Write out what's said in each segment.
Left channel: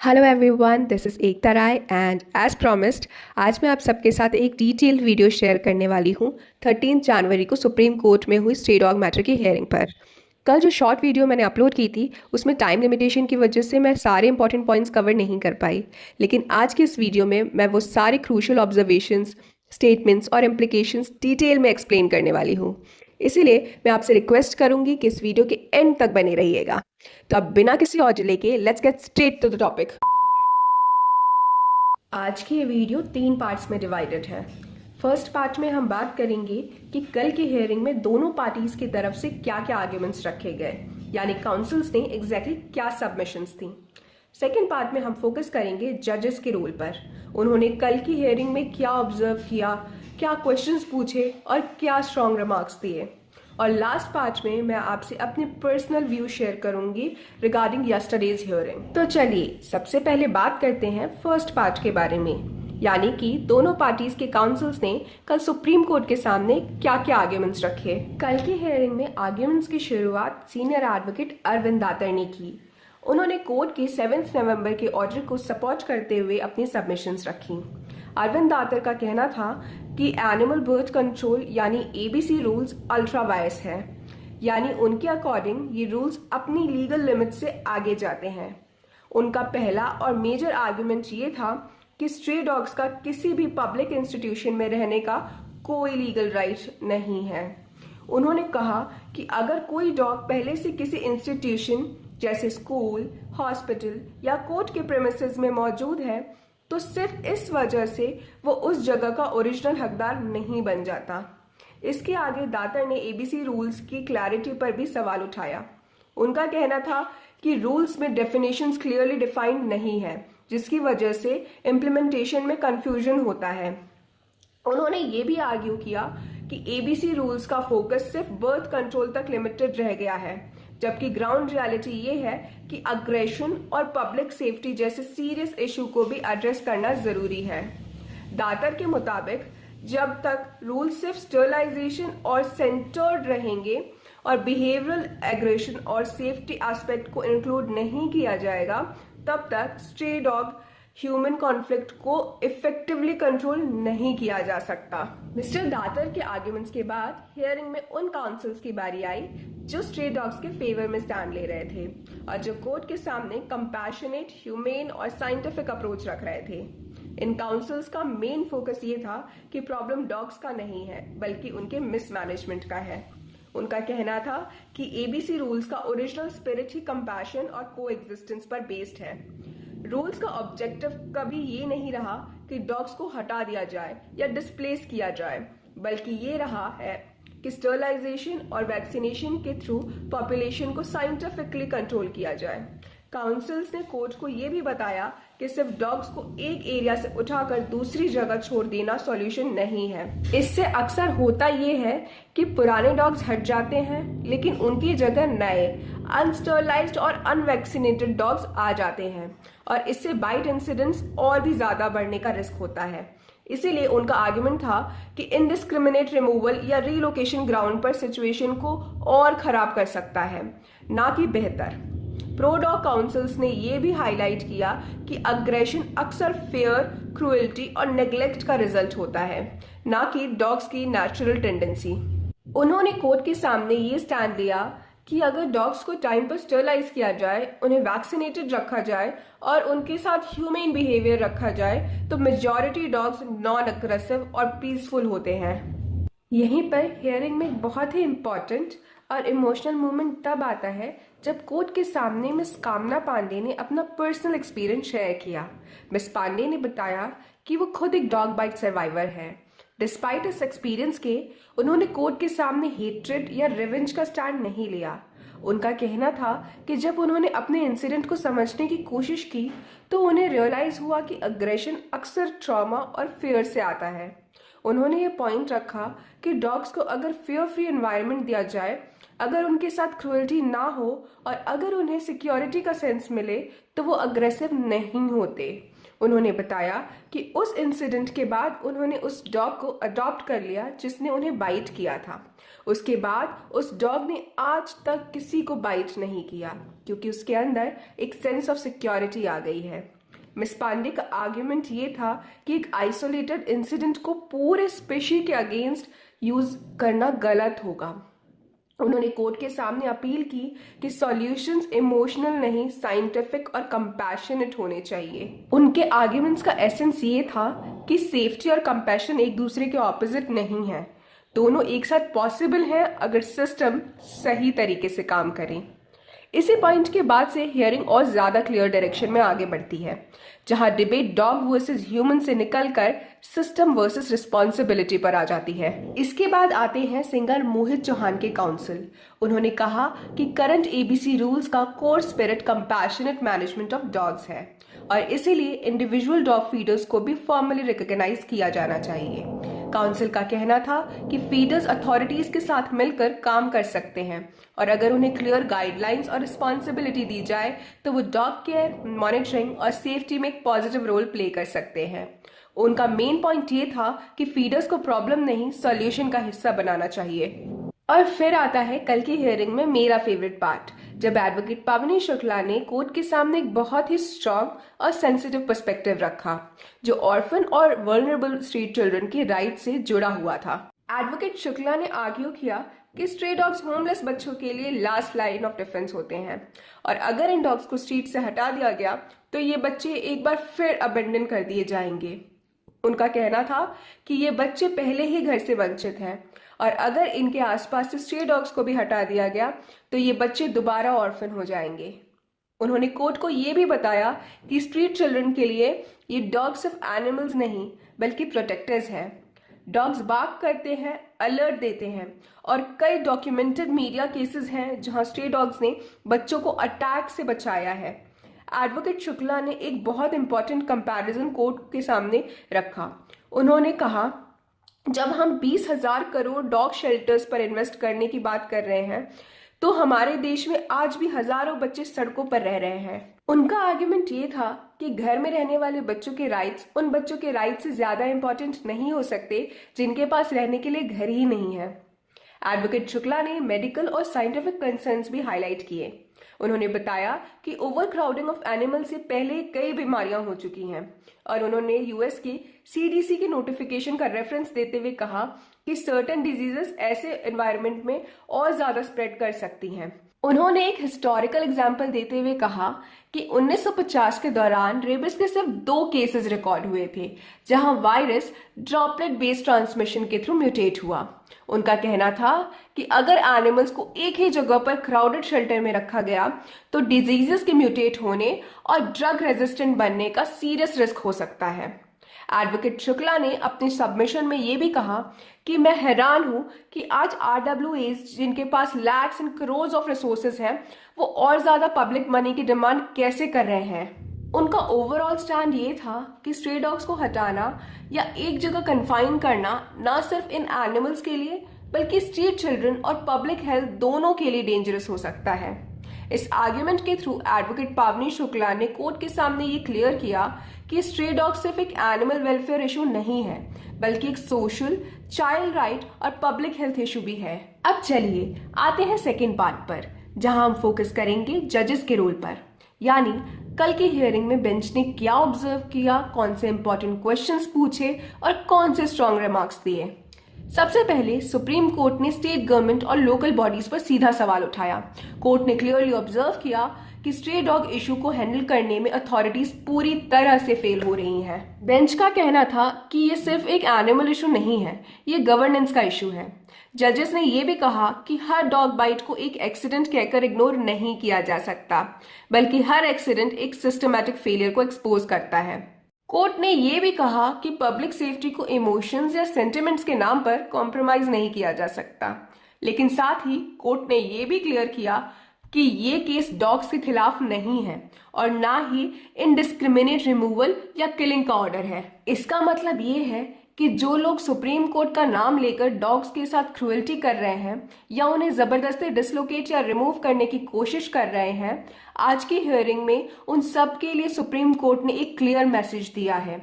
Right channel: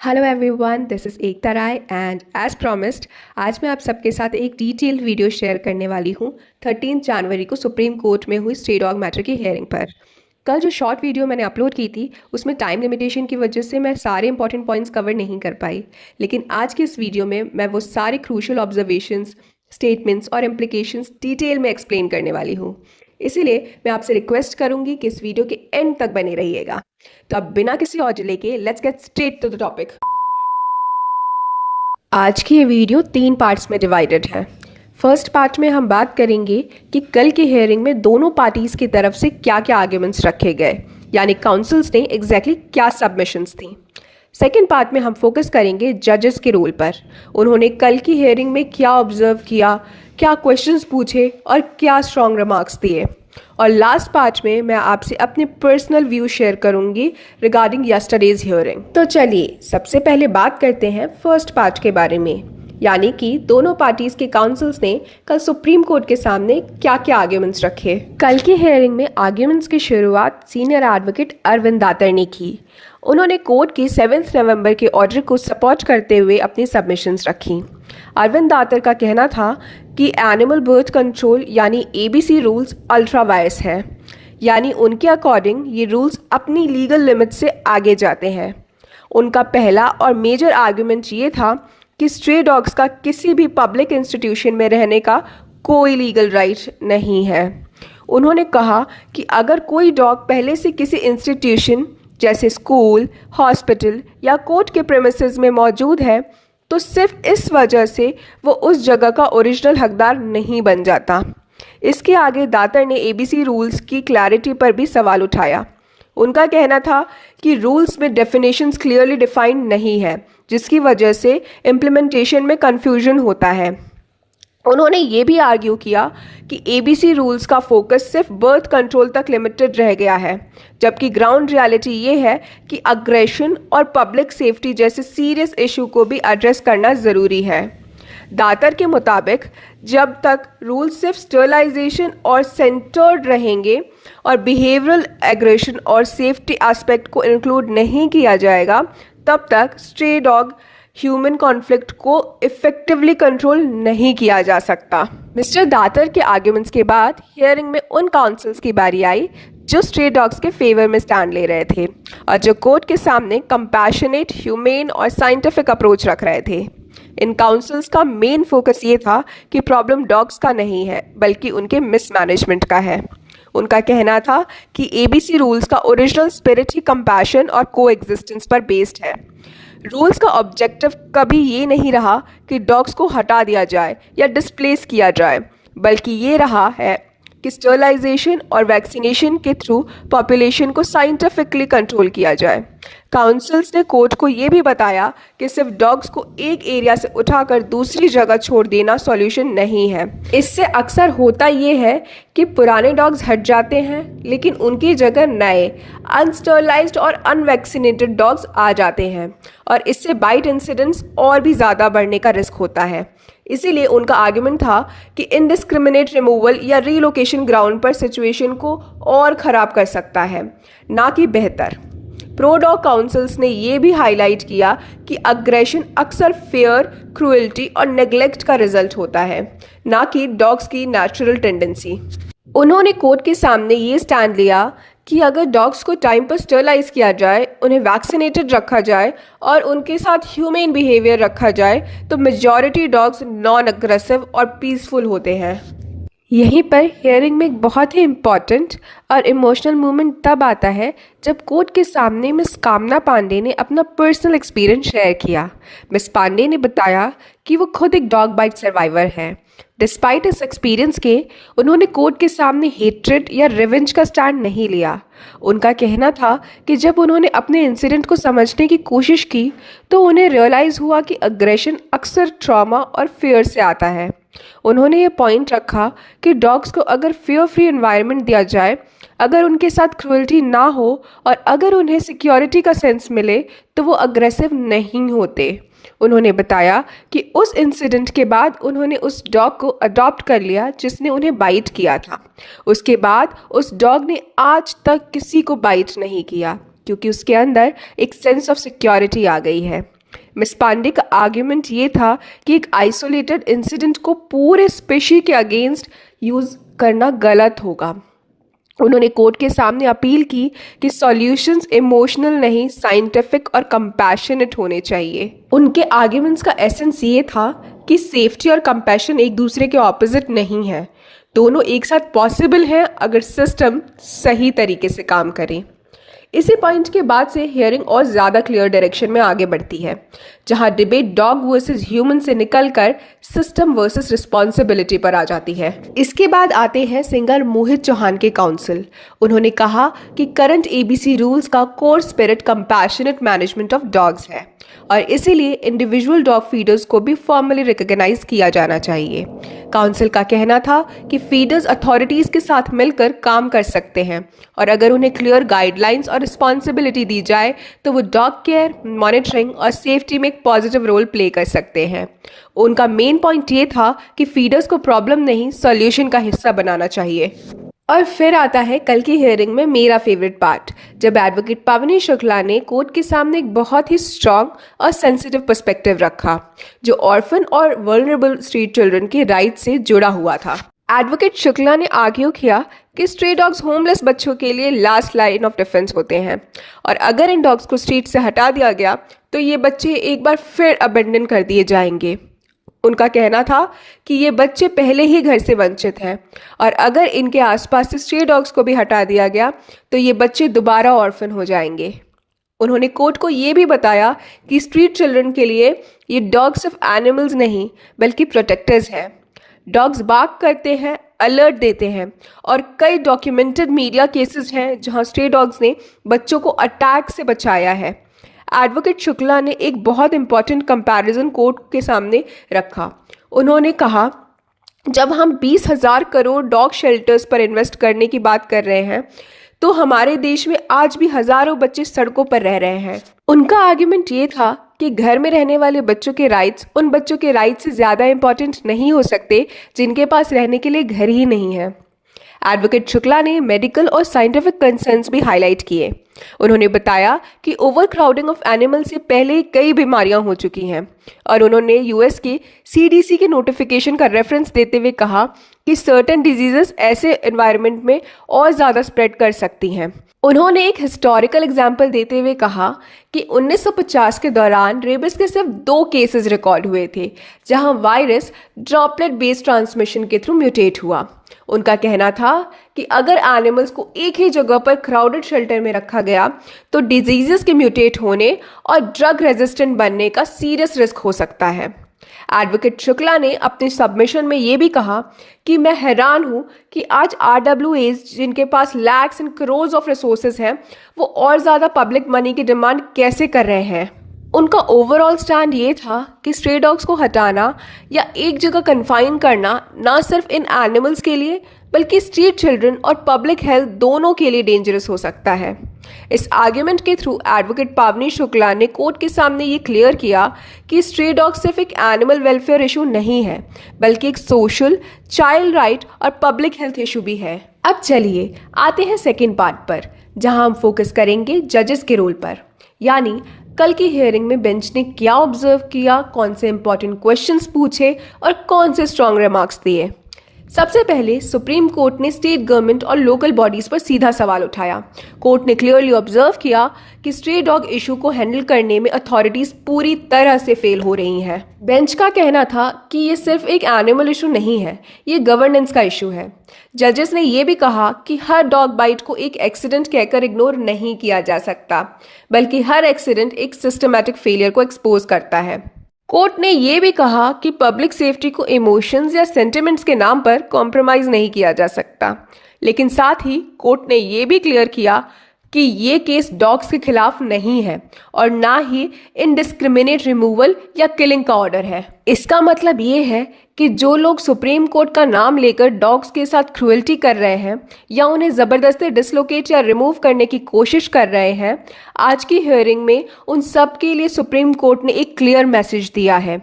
Hello everyone, this is Ekta Rai and as promised आज मैं आप सबके साथ एक डिटेल्ड वीडियो शेयर करने वाली हूँ 13 जनवरी को सुप्रीम कोर्ट में हुई स्टे डॉग मैटर की हियरिंग पर। कल जो शॉर्ट वीडियो मैंने अपलोड की थी उसमें टाइम लिमिटेशन की वजह से मैं सारे इंपॉर्टेंट पॉइंट्स कवर नहीं कर पाई, लेकिन आज की इस वीडियो में मैं वो सारे क्रूशल ऑब्जर्वेशंस, स्टेटमेंट्स और इम्प्लीकेशंस डिटेल में एक्सप्लेन करने वाली हूँ। इसीलिए मैं आपसे रिक्वेस्ट करूंगी कि इस वीडियो के एंड तक बने रहिएगा। तो अब बिना किसी और डिले के let's get straight to the topic. आज की ये वीडियो 3 पार्ट्स में डिवाइडेड है। फर्स्ट पार्ट में हम बात करेंगे कि कल की हियरिंग में दोनों पार्टीज की तरफ से क्या क्या आर्ग्यूमेंट्स रखे गए, यानी काउंसिल्स ने एग्जैक्टली क्या सबमिशंस थी। सेकेंड पार्ट में हम फोकस करेंगे जजेस के रोल पर, उन्होंने कल की हियरिंग में क्या ऑब्जर्व किया, क्या क्वेश्चंस पूछे और क्या स्ट्रॉन्ग रिमार्क्स दिए। और लास्ट पार्ट में मैं आपसे अपने पर्सनल व्यू शेयर करूंगी रिगार्डिंग यस्टरडेज हियरिंग। तो चलिए सबसे पहले बात करते हैं फर्स्ट पार्ट के बारे में, यानी कि दोनों पार्टीज के काउंसिल्स ने कल सुप्रीम कोर्ट के सामने क्या क्या आर्ग्यूमेंट्स रखे। कल की हियरिंग में आर्ग्यूमेंट्स की शुरुआत सीनियर एडवोकेट अरविंद दातर ने की। उन्होंने कोर्ट की 7 नवंबर के ऑर्डर को सपोर्ट करते हुए अपनी सबमिशंस रखी। अरविंद दातर का कहना था कि एनिमल बर्थ कंट्रोल यानी एबीसी रूल्स अल्ट्रा वायस है, यानी उनके अकॉर्डिंग ये रूल्स अपनी लीगल लिमिट से आगे जाते हैं। उनका पहला और मेजर आर्गुमेंट ये था कि स्ट्रे डॉग्स का किसी भी पब्लिक इंस्टीट्यूशन में रहने का कोई लीगल राइट नहीं है। उन्होंने कहा कि अगर कोई डॉग पहले से किसी इंस्टीट्यूशन जैसे स्कूल, हॉस्पिटल या कोर्ट के प्रेमिसेस में मौजूद है तो सिर्फ इस वजह से वो उस जगह का ओरिजिनल हकदार नहीं बन जाता। इसके आगे दातर ने एबीसी रूल्स की क्लैरिटी पर भी सवाल उठाया। उनका कहना था कि रूल्स में डेफिनेशंस क्लियरली डिफाइंड नहीं है, जिसकी वजह से इम्प्लीमेंटेशन में कन्फ्यूजन होता है। उन्होंने ये भी आर्ग्यू किया कि एबीसी रूल्स का फोकस सिर्फ बर्थ कंट्रोल तक लिमिटेड रह गया है, जबकि ग्राउंड रियलिटी ये है कि अग्रेशन और पब्लिक सेफ्टी जैसे सीरियस इशू को भी एड्रेस करना ज़रूरी है। दातर के मुताबिक जब तक रूल सिर्फ स्टरलाइजेशन और सेंटर्ड रहेंगे और बिहेवियरल एग्रेशन और सेफ्टी एस्पेक्ट को इंक्लूड नहीं किया जाएगा, तब तक स्ट्रे डॉग ह्यूमन कॉन्फ्लिक्ट को इफेक्टिवली कंट्रोल नहीं किया जा सकता। मिस्टर दातर के आर्ग्यूमेंट्स के बाद हियरिंग में उन काउंसिल्स की बारी आई जो स्ट्रे डॉग्स के फेवर में स्टैंड ले रहे थे और जो कोर्ट के सामने कंपैशनेट, ह्यूमेन और साइंटिफिक अप्रोच रख रहे थे। इन काउंसिल्स का मेन फोकस ये था कि प्रॉब्लम डॉग्स का नहीं है बल्कि उनके मिसमैनेजमेंट का है। उनका कहना था कि एबीसी रूल्स का ओरिजिनल स्पिरिट ही कंपैशन और कोएग्जिस्टेंस पर बेस्ड है। रूल्स का ऑब्जेक्टिव कभी ये नहीं रहा कि डॉग्स को हटा दिया जाए या डिस्प्लेस किया जाए, बल्कि ये रहा है कि स्टरलाइजेशन और वैक्सीनेशन के थ्रू पॉपुलेशन को साइंटिफिकली कंट्रोल किया जाए। काउंसिल्स ने कोर्ट को ये भी बताया कि सिर्फ डॉग्स को एक एरिया से उठाकर दूसरी जगह छोड़ देना सॉल्यूशन नहीं है। इससे अक्सर होता ये है कि पुराने डॉग्स हट जाते हैं लेकिन उनकी जगह नए अनस्टरलाइज्ड और अनवैक्सीनेटेड डॉग्स आ जाते हैं और इससे बाइट इंसिडेंट्स और भी ज़्यादा बढ़ने का रिस्क होता है। इसीलिए उनका आर्गुमेंट था कि इनडिस्क्रिमिनेट रिमूवल या रीलोकेशन ग्राउंड पर सिचुएशन को और ख़राब कर सकता है, ना कि बेहतर। प्रो डॉग काउंसिल्स ने यह भी हाईलाइट किया कि अग्रेशन अक्सर फेयर, क्रूएल्टी और नेग्लेक्ट का रिजल्ट होता है, ना कि डॉग्स की नेचुरल टेंडेंसी। उन्होंने कोर्ट के सामने ये स्टैंड लिया कि अगर डॉग्स को टाइम पर स्टरलाइज किया जाए, उन्हें वैक्सीनेटेड रखा जाए और उनके साथ ह्यूमन बिहेवियर रखा जाए तो मेजॉरिटी डॉग्स नॉन अग्रेसिव और पीसफुल होते हैं। यहीं पर हियरिंग में एक बहुत ही इम्पॉर्टेंट और इमोशनल मोमेंट तब आता है जब कोर्ट के सामने मिस कामना पांडे ने अपना पर्सनल एक्सपीरियंस शेयर किया। मिस पांडे ने बताया कि वो खुद एक डॉग बाइट सर्वाइवर हैं। डिस्पाइट इस एक्सपीरियंस के उन्होंने कोर्ट के सामने हेट्रेड या रिवेंज का स्टैंड नहीं लिया। उनका कहना था कि जब उन्होंने अपने इंसिडेंट को समझने की कोशिश की तो उन्हें रियलाइज़ हुआ कि अग्रेशन अक्सर ट्रॉमा और फियर से आता है। उन्होंने ये पॉइंट रखा कि डॉग्स को अगर फियर फ्री एनवायरनमेंट दिया जाए, अगर उनके साथ क्रूएल्टी ना हो और अगर उन्हें सिक्योरिटी का सेंस मिले तो वो अग्रेसिव नहीं होते। उन्होंने बताया कि उस इंसिडेंट के बाद उन्होंने उस डॉग को अडॉप्ट कर लिया जिसने उन्हें बाइट किया था। उसके बाद उस डॉग ने आज तक किसी को बाइट नहीं किया क्योंकि उसके अंदर एक सेंस ऑफ सिक्योरिटी आ गई है। मिस पांडे का आर्ग्यूमेंट ये था कि एक आइसोलेटेड इंसिडेंट को पूरे स्पेशी के अगेंस्ट यूज़ करना गलत होगा। उन्होंने कोर्ट के सामने अपील की कि सॉल्यूशंस इमोशनल नहीं, साइंटिफिक और कंपैशनेट होने चाहिए। उनके आर्ग्यूमेंट्स का एसेंस ये था कि सेफ्टी और कंपैशन एक दूसरे के ऑपोजिट नहीं है, दोनों एक साथ पॉसिबल हैं अगर सिस्टम सही तरीके से काम करे। इसी पॉइंट के बाद से हियरिंग और ज़्यादा क्लियर डायरेक्शन में आगे बढ़ती है, जहां डिबेट डॉग वर्सेस ह्यूमन से निकलकर सिस्टम वर्सेस रिस्पॉन्सिबिलिटी पर आ जाती है। इसके बाद आते हैं सिंगर मोहित चौहान के काउंसिल। उन्होंने कहा कि करंट एबीसी रूल्स का core spirit compassionate management of dogs है और इसीलिए इंडिविजुअल डॉग फीडर्स को भी फॉर्मली रिकॉग्नाइज किया जाना चाहिए। काउंसिल का कहना था कि फीडर्स अथॉरिटीज़ के साथ मिलकर काम कर सकते हैं और अगर उन्हें क्लियर गाइडलाइंस और रिस्पॉन्सिबिलिटी दी जाए तो वो डॉग केयर, मॉनिटरिंग और सेफ्टी में एक पॉजिटिव रोल प्ले कर सकते हैं। उनका मेन पॉइंट ये था कि फीडर्स को प्रॉब्लम नहीं, सॉल्यूशन का हिस्सा बनाना चाहिए। और फिर आता है कल की हियरिंग में मेरा फेवरेट पार्ट, जब एडवोकेट पावनी शुक्ला ने कोर्ट के सामने एक बहुत ही स्ट्रॉन्ग और सेंसिटिव पर्सपेक्टिव रखा, जो ऑर्फन और वल्नरेबल स्ट्रीट चिल्ड्रन के राइट से जुड़ा हुआ था। एडवोकेट शुक्ला ने आर्ग्यू किया कि स्ट्रे डॉग्स होमलेस बच्चों के लिए लास्ट लाइन ऑफ डिफेंस होते हैं और अगर इन डॉग्स को स्ट्रीट से हटा दिया गया तो ये बच्चे एक बार फिर अबेंडन कर दिए जाएंगे। उनका कहना था कि ये बच्चे पहले ही घर से वंचित हैं और अगर इनके आसपास से स्ट्रे डॉग्स को भी हटा दिया गया तो ये बच्चे दोबारा ऑर्फन हो जाएंगे। उन्होंने कोर्ट को ये भी बताया कि स्ट्रीट चिल्ड्रन के लिए ये डॉग्स सिर्फ एनिमल्स नहीं बल्कि प्रोटेक्टर्स हैं। डॉग्स बार्क करते हैं, अलर्ट देते हैं और कई डॉक्यूमेंटेड मीडिया केसेस हैं जहां स्ट्रे डॉग्स ने बच्चों को अटैक से बचाया है। एडवोकेट शुक्ला ने एक बहुत इंपॉर्टेंट कंपैरिजन कोर्ट के सामने रखा। उन्होंने कहा, जब हम 20,000 करोड़ डॉग शेल्टर्स पर इन्वेस्ट करने की बात कर रहे हैं तो हमारे देश में आज भी हजारों बच्चे सड़कों पर रह रहे हैं। उनका आर्ग्यूमेंट ये था कि घर में रहने वाले बच्चों के राइट्स उन बच्चों के राइट्स से ज़्यादा इंपॉर्टेंट नहीं हो सकते जिनके पास रहने के लिए घर ही नहीं है। एडवोकेट शुक्ला ने मेडिकल और साइंटिफिक कंसर्न्स भी हाईलाइट किए। उन्होंने बताया कि ओवर क्राउडिंग ऑफ एनिमल से पहले कई बीमारियां हो चुकी हैं और उन्होंने यूएस की सीडीसी के नोटिफिकेशन का रेफरेंस देते हुए कहा कि सर्टेन डिजीजेस ऐसे एनवायरनमेंट में और ज़्यादा स्प्रेड कर सकती हैं। उन्होंने एक हिस्टोरिकल एग्जाम्पल देते हुए कहा कि 1950 के दौरान रेबिस के सिर्फ 2 केसेस रिकॉर्ड हुए थे जहां वायरस ड्रॉपलेट बेस्ड ट्रांसमिशन के थ्रू म्यूटेट हुआ। उनका कहना था कि अगर एनिमल्स को एक ही जगह पर क्राउडेड शेल्टर में रखा गया तो डिजीजेस के म्यूटेट होने और ड्रग रेजिस्टेंट बनने का सीरियस रिस्क हो सकता है। एडवोकेट शुक्ला ने अपने सबमिशन में ये भी कहा कि मैं हैरान हूँ कि आज RWAs जिनके पास lakhs and crore of resources हैं वो और ज़्यादा पब्लिक मनी की डिमांड कैसे कर रहे हैं। उनका ओवरऑल स्टैंड ये था कि स्ट्रे डॉग्स को हटाना या एक जगह कन्फाइन करना ना सिर्फ इन एनिमल्स के लिए बल्कि स्ट्रीट चिल्ड्रन और पब्लिक हेल्थ दोनों के लिए डेंजरस हो सकता है। इस आर्ग्यूमेंट के थ्रू एडवोकेट पावनी शुक्ला ने कोर्ट के सामने ये क्लियर किया कि स्ट्रे डॉग सिर्फ एक एनिमल वेलफेयर इशू नहीं है बल्कि एक सोशल, चाइल्ड राइट और पब्लिक हेल्थ इशू भी है। अब चलिए आते हैं सेकेंड पार्ट पर, जहां हम फोकस करेंगे जजेस के रोल पर, यानी कल की हियरिंग में बेंच ने क्या ऑब्जर्व किया, कौन से इंपॉर्टेंट क्वेश्चंस पूछे और कौन से स्ट्रॉन्ग रिमार्क्स दिए। सबसे पहले सुप्रीम कोर्ट ने स्टेट गवर्नमेंट और लोकल बॉडीज पर सीधा सवाल उठाया। कोर्ट ने क्लियरली ऑब्जर्व किया कि स्ट्रे डॉग इशू को हैंडल करने में अथॉरिटीज पूरी तरह से फेल हो रही हैं। बेंच का कहना था कि ये सिर्फ एक एनिमल इशू नहीं है, ये गवर्नेंस का इशू है। जजेस ने यह भी कहा कि हर डॉग बाइट को एक एक्सीडेंट कहकर इग्नोर नहीं किया जा सकता, बल्कि हर एक्सीडेंट एक सिस्टमैटिक फेलियर को एक्सपोज करता है। कोर्ट ने यह भी कहा कि पब्लिक सेफ्टी को इमोशंस या सेंटिमेंट्स के नाम पर कॉम्प्रोमाइज नहीं किया जा सकता, लेकिन साथ ही कोर्ट ने यह भी क्लियर किया कि ये केस डॉग्स के खिलाफ नहीं है और ना ही इनडिस्क्रिमिनेट रिमूवल या किलिंग का ऑर्डर है। इसका मतलब ये है कि जो लोग सुप्रीम कोर्ट का नाम लेकर डॉग्स के साथ क्रूएल्टी कर रहे हैं या उन्हें ज़बरदस्ती डिसलोकेट या रिमूव करने की कोशिश कर रहे हैं, आज की हियरिंग में उन सब के लिए सुप्रीम कोर्ट ने एक क्लियर मैसेज दिया है।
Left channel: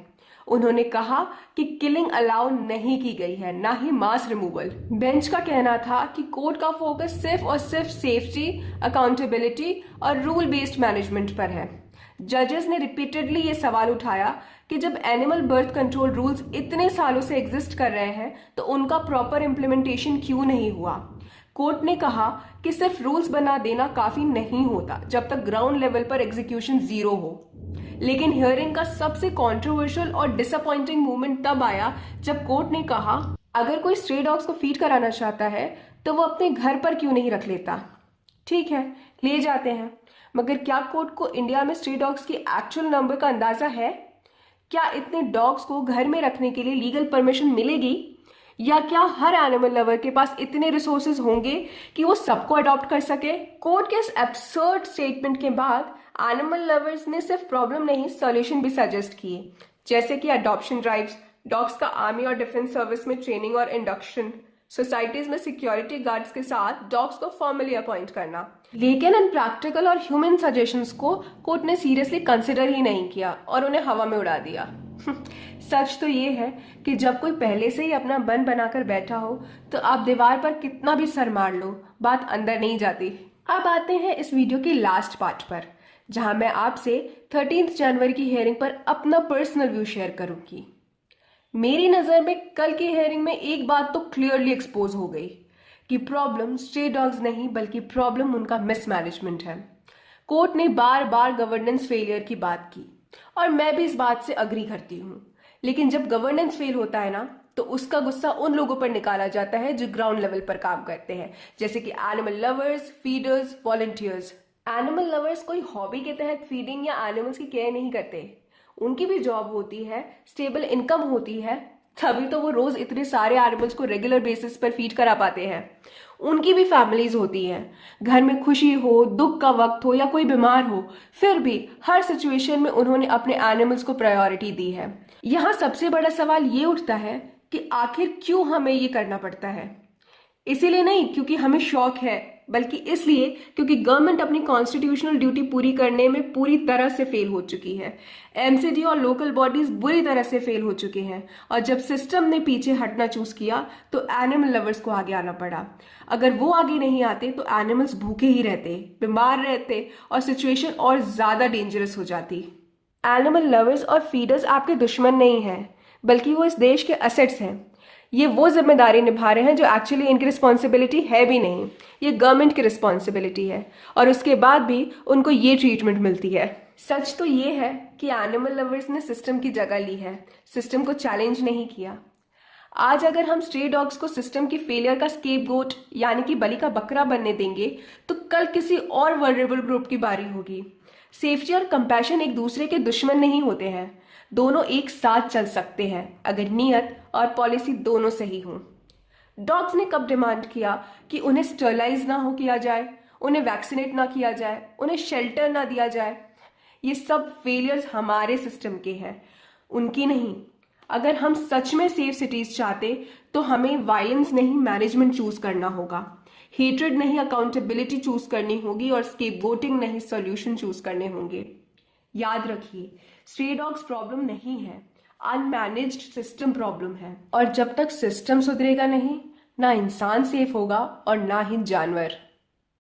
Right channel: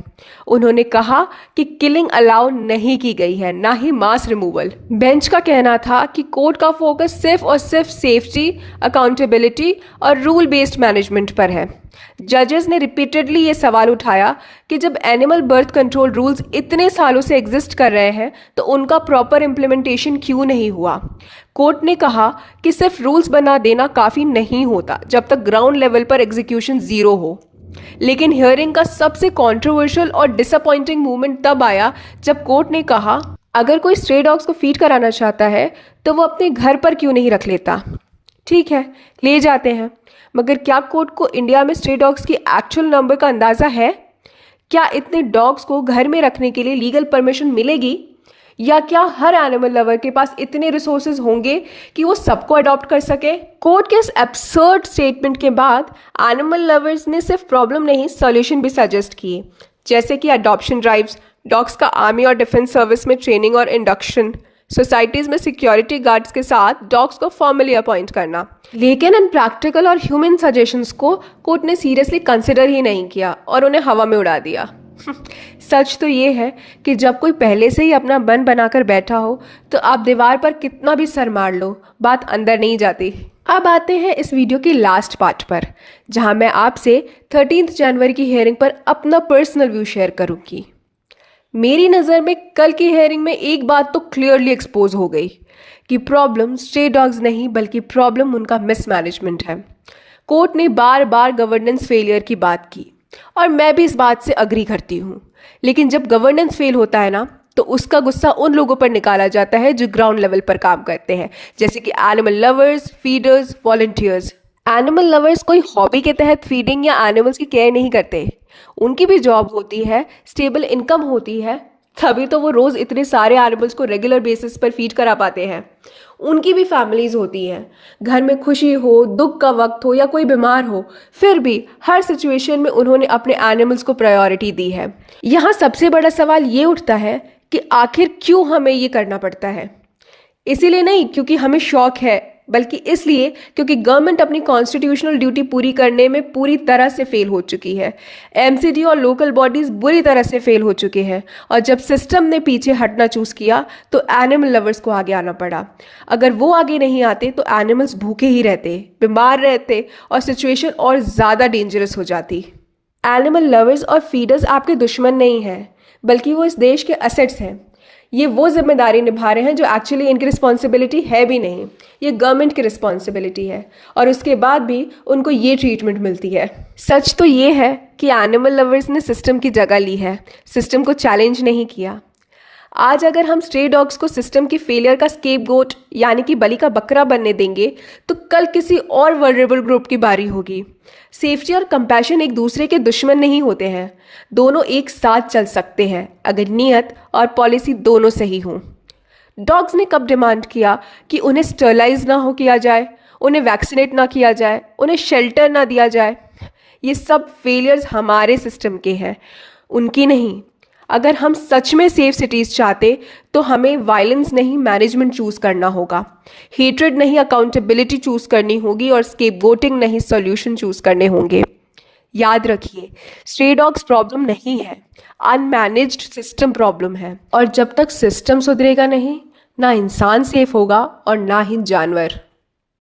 उन्होंने कहा कि किलिंग अलाउ नहीं की गई है, ना ही मास रिमूवल। बेंच का कहना था कि कोर्ट का फोकस सिर्फ और सिर्फ सेफ्टी, अकाउंटेबिलिटी और रूल बेस्ड मैनेजमेंट पर है। जजेस ने रिपीटेडली ये सवाल उठाया कि जब एनिमल बर्थ कंट्रोल रूल्स इतने सालों से एग्जिस्ट कर रहे हैं तो उनका प्रॉपर इम्प्लीमेंटेशन क्यों नहीं हुआ। कोर्ट ने कहा कि सिर्फ रूल्स बना देना काफ़ी नहीं होता जब तक ग्राउंड लेवल पर एग्जीक्यूशन ज़ीरो हो। लेकिन हियरिंग का सबसे कंट्रोवर्शियल और डिसअपॉइंटिंग मूवमेंट तब आया जब कोर्ट ने कहा अगर कोई स्ट्रे डॉग्स को फीड कराना चाहता है तो वो अपने घर पर क्यों नहीं रख लेता। ठीक है, ले जाते हैं, मगर क्या कोर्ट को इंडिया में स्ट्रे डॉग्स की एक्चुअल नंबर का अंदाज़ा है? क्या इतने डॉग्स को घर में रखने के लिए लीगल परमिशन मिलेगी? या क्या हर एनिमल लवर के पास इतने रिसोर्सेज होंगे कि वो सबको अडॉप्ट कर सके? कोर्ट के इस एब्सर्ड स्टेटमेंट के बाद एनिमल लवर्स ने सिर्फ प्रॉब्लम नहीं, सॉल्यूशन भी सजेस्ट किए, जैसे कि अडॉप्शन ड्राइव्स, डॉग्स का आर्मी और डिफेंस सर्विस में ट्रेनिंग और इंडक्शन, सोसाइटीज़ में सिक्योरिटी गार्ड्स के साथ डॉग्स को फॉर्मली अपॉइंट करना। लेकिन इन प्रैक्टिकल और ह्यूमन सजेशंस को कोर्ट ने सीरियसली कंसिडर ही नहीं किया और उन्हें हवा में उड़ा दिया। सच तो ये है कि जब कोई पहले से ही अपना मन बनाकर बैठा हो तो आप दीवार पर कितना भी सर मार लो, बात अंदर नहीं जाती। अब आते हैं इस वीडियो के लास्ट पार्ट पर, जहां मैं आपसे 13 जनवरी की हियरिंग पर अपना पर्सनल व्यू शेयर करूंगी। मेरी नज़र में कल की हियरिंग में एक बात तो क्लियरली एक्सपोज हो गई कि प्रॉब्लम स्ट्रे डॉग्स नहीं बल्कि प्रॉब्लम उनका मिसमैनेजमेंट है। कोर्ट ने बार बार गवर्नेंस फेलियर की बात की और मैं भी इस बात से अग्री करती हूँ। लेकिन जब गवर्नेंस फेल होता है ना तो उसका गुस्सा उन लोगों पर निकाला जाता है जो ग्राउंड लेवल पर काम करते हैं, जैसे कि animal lovers, feeders, volunteers. Animal lovers कोई हॉबी के तहत फीडिंग या एनिमल्स की केयर नहीं करते। उनकी भी जॉब होती है, स्टेबल इनकम होती है, तभी तो वो रोज़ इतने सारे एनिमल्स को रेगुलर बेसिस पर फीड करा पाते हैं। उनकी भी फैमिलीज होती हैं, घर में खुशी हो, दुख का वक्त हो या कोई बीमार हो, फिर भी हर सिचुएशन में उन्होंने अपने एनिमल्स को प्रायोरिटी दी है। यहाँ सबसे बड़ा सवाल ये उठता है कि आखिर क्यों हमें ये करना पड़ता है। इसीलिए नहीं क्योंकि हमें शौक है, बल्कि इसलिए क्योंकि गवर्नमेंट अपनी कॉन्स्टिट्यूशनल ड्यूटी पूरी करने में पूरी तरह से फेल हो चुकी है। एमसीडी और लोकल बॉडीज बुरी तरह से फेल हो चुके हैं और जब सिस्टम ने पीछे हटना चूज किया तो एनिमल लवर्स को आगे आना पड़ा। अगर वो आगे नहीं आते तो एनिमल्स भूखे ही रहते, बीमार रहते और सिचुएशन और ज़्यादा डेंजरस हो जाती। एनिमल लवर्स और फीडर्स आपके दुश्मन नहीं हैं, बल्कि वो इस देश के असेट्स हैं। ये वो जिम्मेदारी निभा रहे हैं जो एक्चुअली इनकी रिस्पॉन्सिबिलिटी है भी नहीं, ये गवर्नमेंट की रिस्पॉन्सिबिलिटी है और उसके बाद भी उनको ये ट्रीटमेंट मिलती है। सच तो ये है कि एनिमल लवर्स ने सिस्टम की जगह ली है, सिस्टम को चैलेंज नहीं किया। आज अगर हम स्ट्रे डॉग्स को सिस्टम की फेलियर का स्केपगोट यानी कि बलि का बकरा बनने देंगे तो कल किसी और वल्नरेबल ग्रुप की बारी होगी। सेफ्टी और कंपैशन एक दूसरे के दुश्मन नहीं होते हैं, दोनों एक साथ चल सकते हैं अगर नीयत और पॉलिसी दोनों सही हों। डॉग्स ने कब डिमांड किया कि उन्हें स्टरलाइज ना हो किया जाए, उन्हें वैक्सीनेट ना किया जाए, उन्हें शेल्टर ना दिया जाए? ये सब फेलियर्स हमारे सिस्टम के हैं, उनकी नहीं। अगर हम सच में सेफ सिटीज़ चाहते तो हमें वायलेंस नहीं मैनेजमेंट चूज़ करना होगा, हेट्रेड नहीं अकाउंटेबिलिटी चूज़ करनी होगी और स्केपगोटिंग नहीं सॉल्यूशन चूज़ करने होंगे। याद रखिए, स्ट्रे डॉग्स प्रॉब्लम नहीं है, अनमैनेज्ड सिस्टम प्रॉब्लम है और जब तक सिस्टम सुधरेगा नहीं, ना इंसान सेफ होगा और ना ही जानवर।